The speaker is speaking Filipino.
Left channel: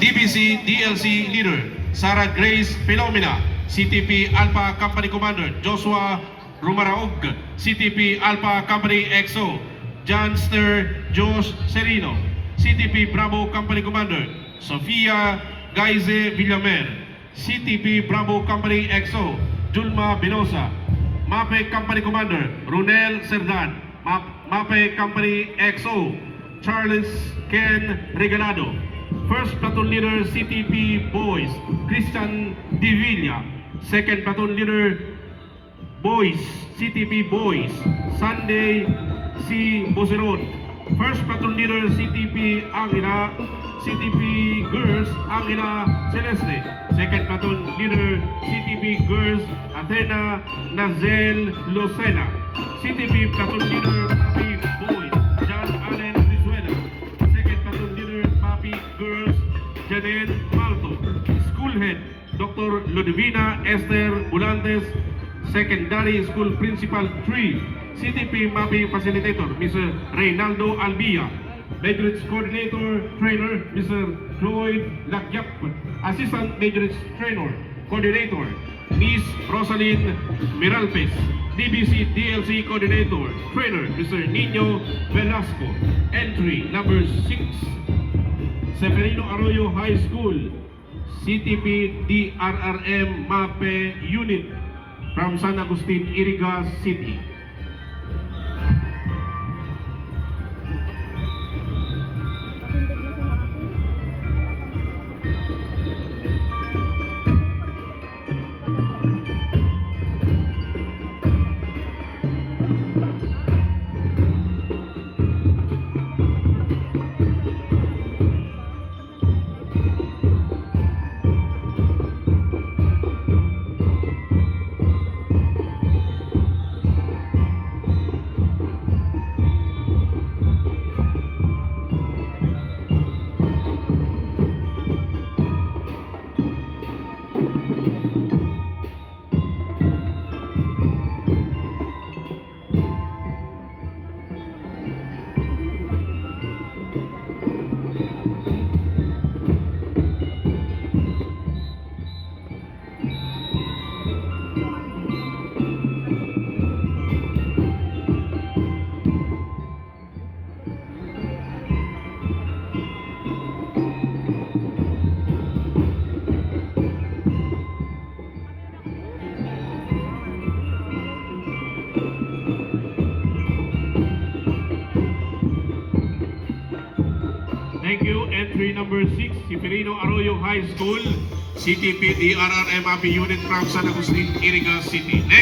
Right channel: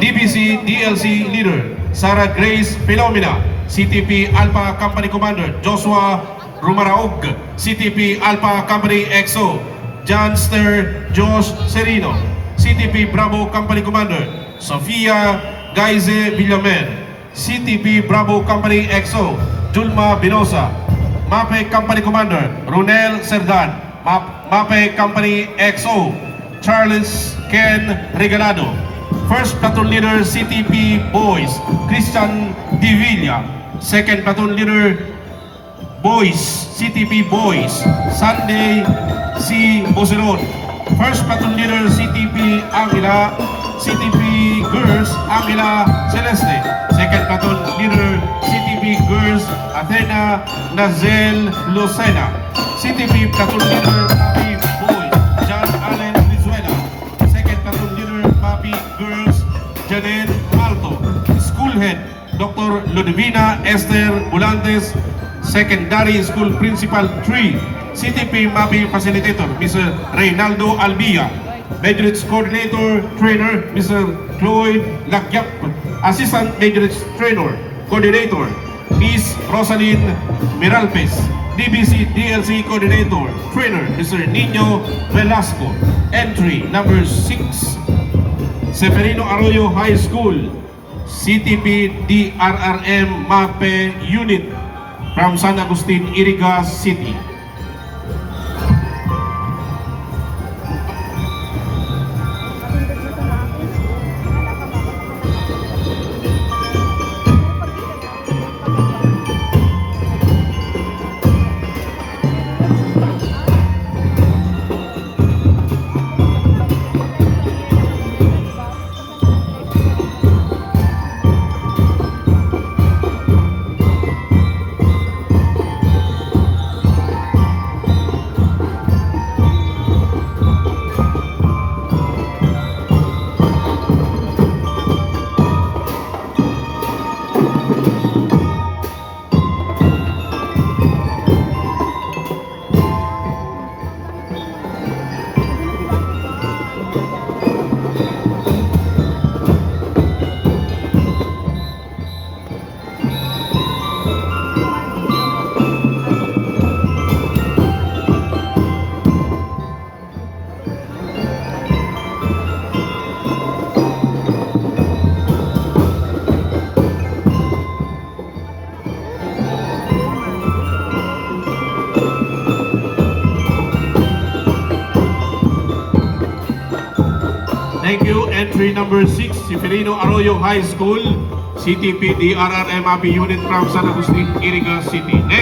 DBC DLC Leader Sarah Grace Philomena, CTP Alpha Company Commander Joshua Rumaraog, CTP Alpha Company XO Johnster Josh Serino, CTP Bravo Company Commander Sofia Gaize Villamen, CTP Bravo Company XO Julma Binosa, MAPEH Company Commander Runel Serdan, MAPEH Company XO Charles Ken Regalado, First Platoon Leader CTP Boys Christian Divilla, Second Platoon Leader Boys CTP Boys Sunday C. Boseron, First Platoon Leader CTP Angela, CTP Girls Angela Celeste, Second Platoon Leader CTP Girls Athena Nazel Lucena, CTP Platoon Leader MAPEH Boys John Allen Vizuela, Second Platoon Leader MAPEH Girls Janet Malto, School Head Dr. Ludivina Esther Bulantes, Secondary School Principal 3, CTP MAPEH Facilitator Mr. Reynaldo Albia, Majorits Coordinator Trainer Mr. Cloyd Lagyap, Assistant Majorits Trainer Coordinator Ms. Rosalyn Miralpes, DBC DLC Coordinator Trainer Mr. Nino Velasco. Entry number 6, Zeferino Arroyo High School, CTP DRRM MAPEH Unit from San Agustin, Iriga City. Thank you. Entry number 6, Zeferino Arroyo High School, CTP DRRM MAPEH Unit from San Agustin, Iriga City. Next.